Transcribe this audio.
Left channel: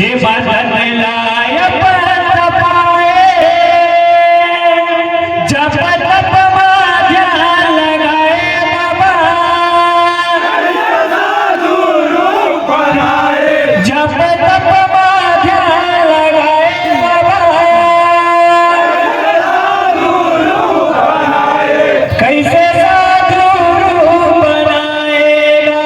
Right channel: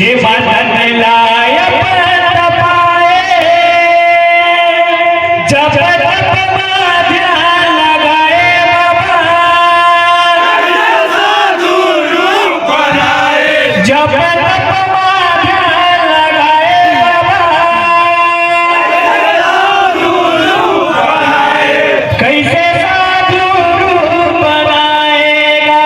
जे बदलला पंत पाए जप तप माझ्या लगाए बाबा जप तप माझ्या लगाए बाबा कैसे साधु बनाएगा